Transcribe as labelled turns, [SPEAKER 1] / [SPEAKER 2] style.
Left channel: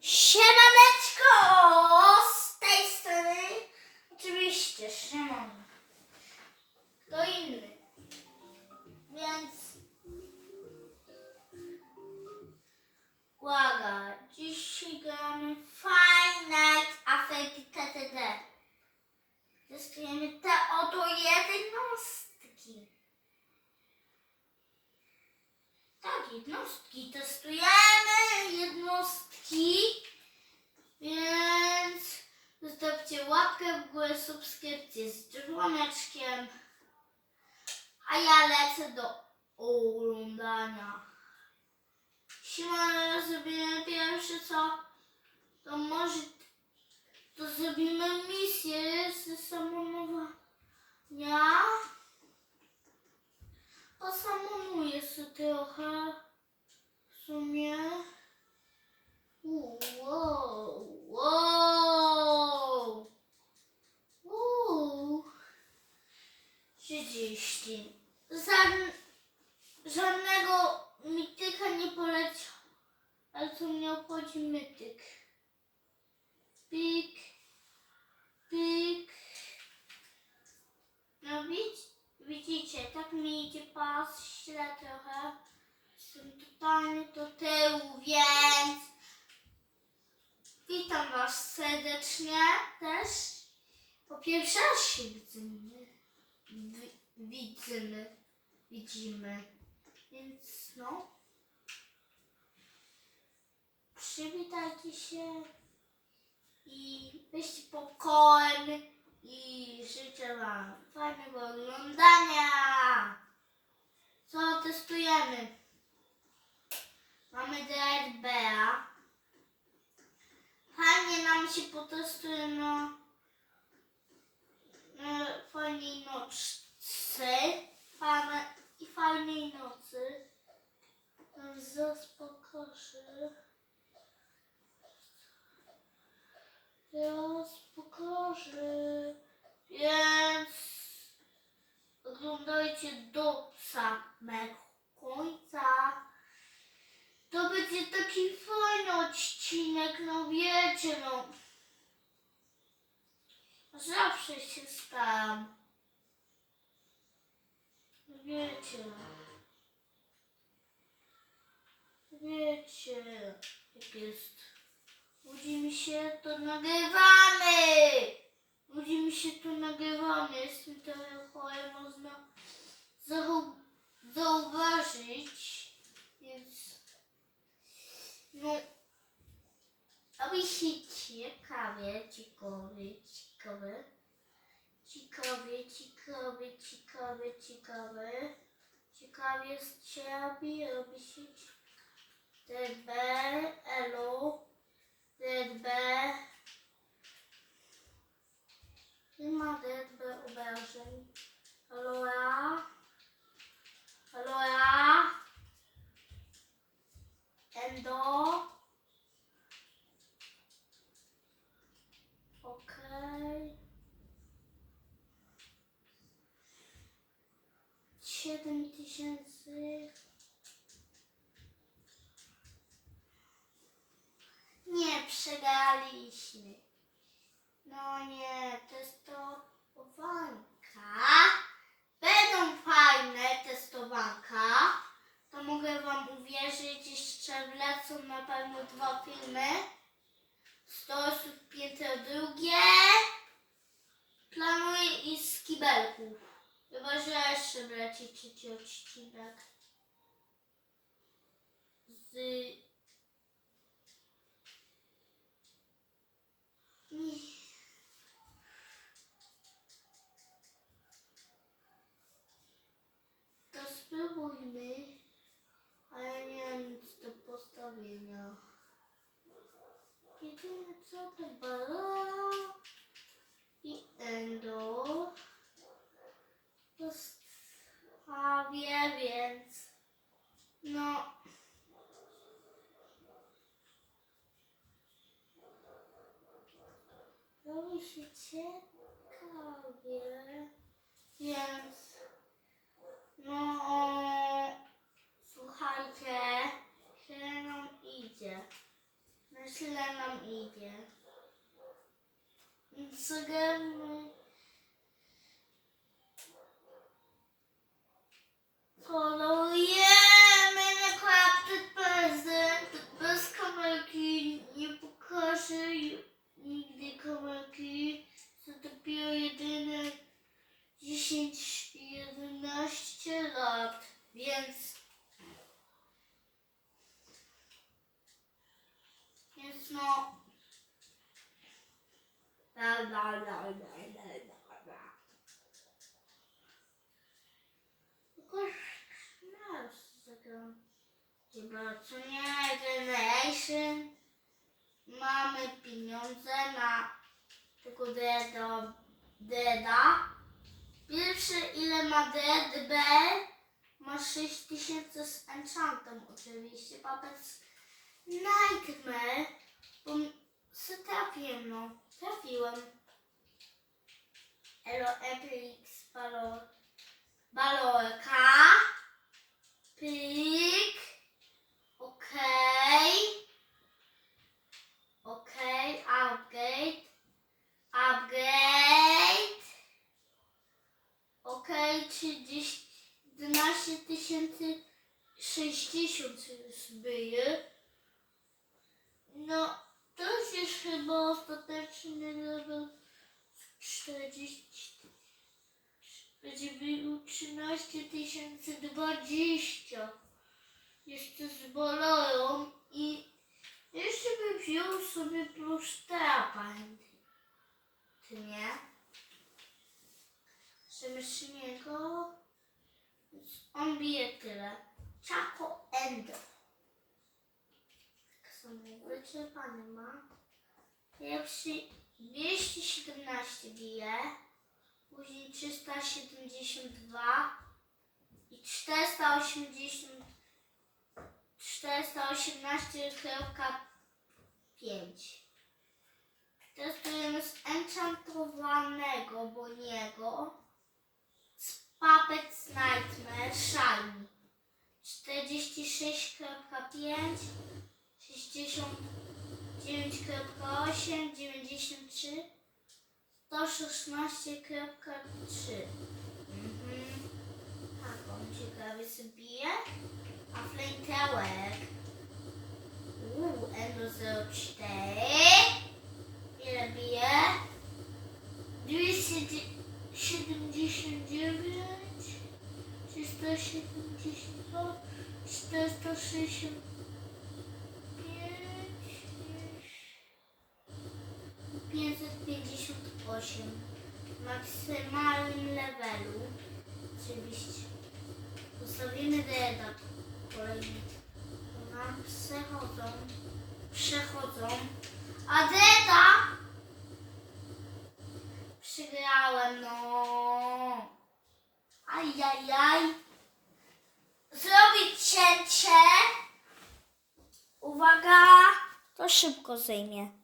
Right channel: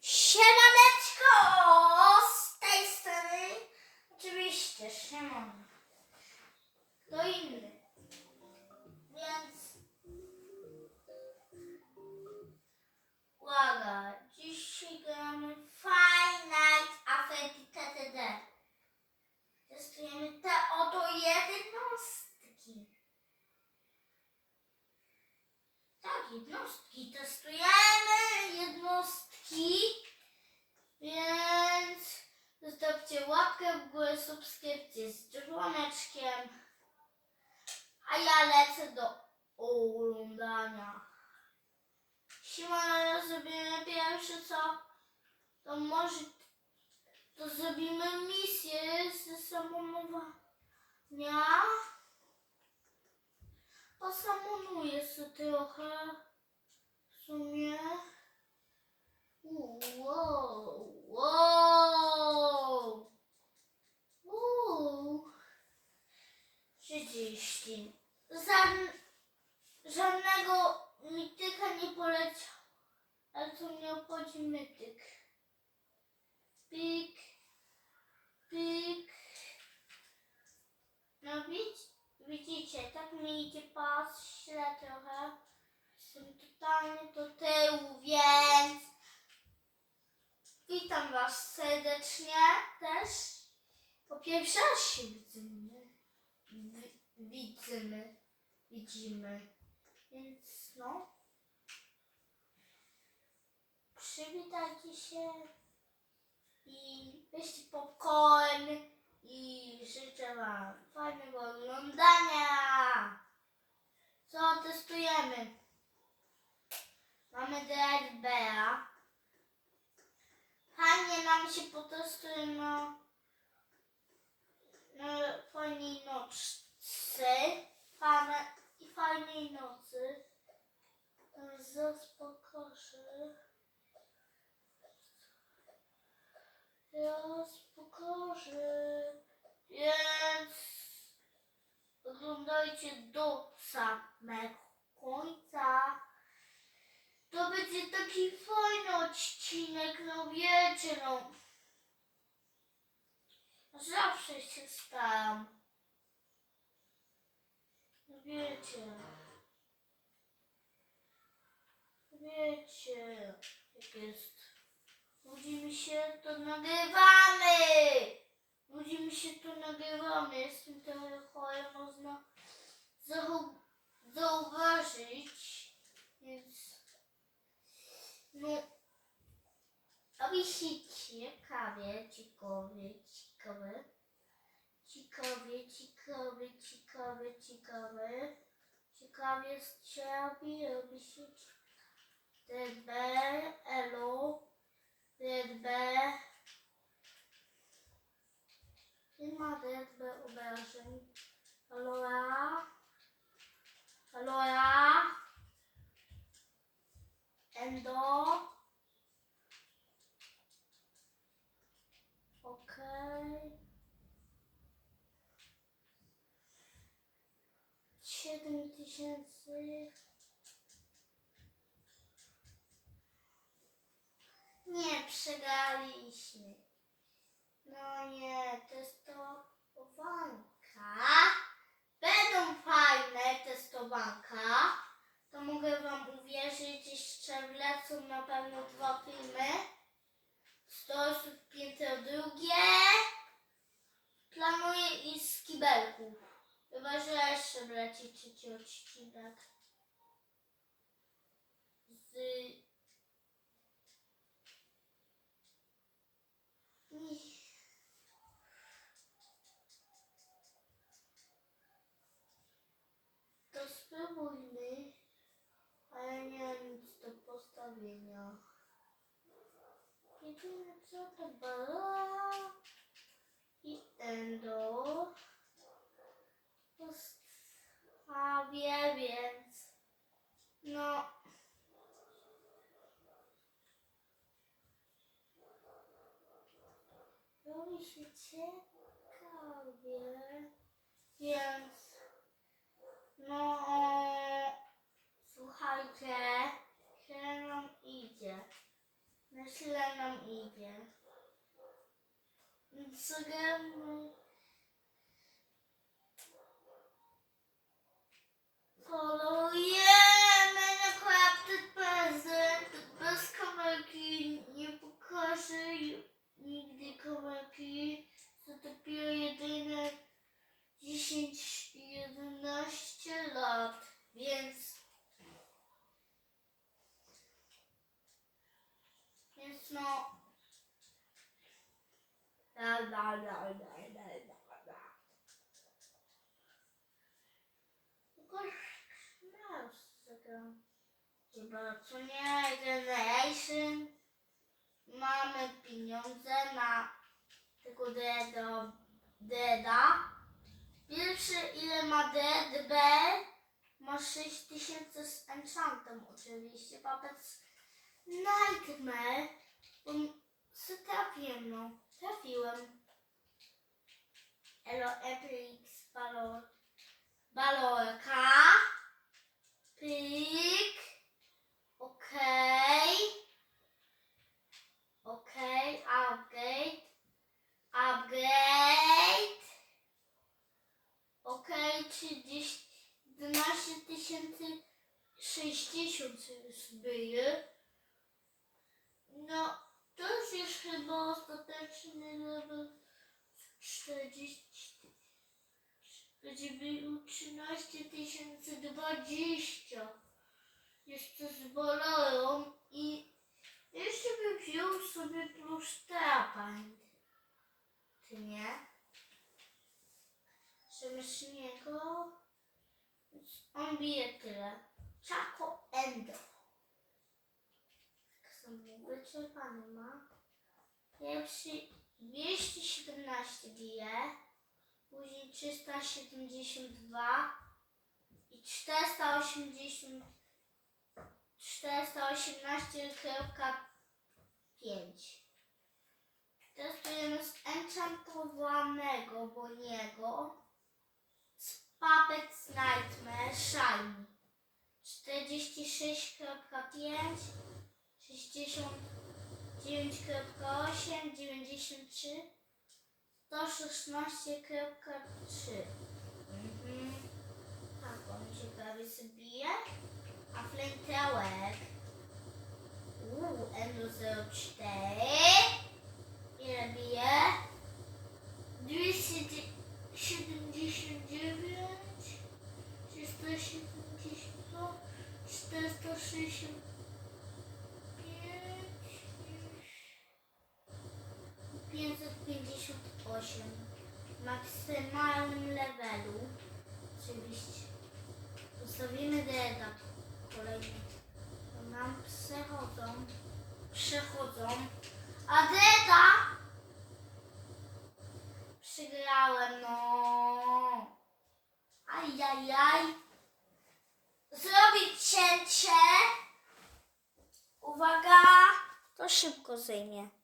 [SPEAKER 1] Siemaneczko! Z tej strony oczywiście Szymon. To inny. Więc uwaga, dzisiaj gramy Five Nights at TTD. Testujemy te oto jednostki. Tak, jednostki. Testujemy Więc zostawcie łapkę w górę, subskrypcję z dzwoneczkiem. A ja lecę do oglądania. Siła zrobimy pierwsze co, to może to zrobimy misję ze samonowania. Posamonuję sobie trochę w sumie. Wow, wow, wow. 30. Żadn, żadnego mityka nie poleciał, ale tu mnie obchodzi mytyk. Pik, pik. No widz, widzicie, tak mi idzie pas, źle trochę. Jestem totalnie do tyłu, więc witam was serdecznie też. Po pierwsze raz się widzimy. Wi- Widzimy, widzimy. Więc no. Przywitajcie się i weźcie popcorn i życzę wam fajnego oglądania. Co testujemy? Mamy Dread Bear. Fajnie nam się potestuje na, na fajnej nocy. Fajne, Fajnej nocy. Teraz pokażę. Więc oglądajcie do samego końca. To będzie taki fajny odcinek, no wiecie, no. Zawsze się staram. Wiecie. Wiecie, jak jest. Budzimy się, to nagrywamy! Budzimy się, to nagrywamy. Jestem trochę chory, można zau- zauważyć. Więc, no, robi się ciekawie, ciekawie, ciekawe. Ciekawie, ciekawie, ciekawie, ciekawe. Ciekawie z ciebie robi się DB, tysięcy. Nie przegraliśmy. No nie, testowanka. Będą fajne testowanka. To mogę wam uwierzyć, jeszcze wlecą na pewno dwa filmy. 100 osób Jeszcze wleci trzeci odcinek. Z... To spróbujmy, ale nie mam nic do postawienia. Jedyne co to bala i endo. Postawię, więc no. Robi się ciekawie, więc no słuchajcie, się nam idzie. Na źle nam idzie. Zagramy. Kolorujemy więc więc no. La la la la la la la Tylko śmiał się z tego chyba co nie generation mamy pieniądze na tego deda deda Pierwszy ile ma dead B ma 6000 z enchantem oczywiście. Babec Nightmare. Bo se trafiłem no. Trafiłem. Elo Balor. Balorka. Pik. 60 już byje. No, to już jest chyba ostateczny level 40. Będzie był 13 tysięcy 20. Jeszcze z bolorą i jeszcze bym wziął sobie plus terapant. Ty nie? Przemyślnego. On bije tyle. Chaco Endo. Tak wyczerpany ma. Pierwszy 217 bije. Później 372 i 480 418.5 Testujemy z enchantowanego Boniego z Puppets Nightmare Shiny 46.5 69.8 93 116.3 Mhm. Tak, on ciekawie sobie. A Flamethrower Uuu, Endo 04 Ile bije? 279 372 465 558 w maksymalnym levelu. Oczywiście. Ustawimy Deda kolejny. Nam przechodzą. Przechodzą. A Deda przegrałem, no. Ajajaj. Zrobić cięcie. Uwaga. To szybko zejmie.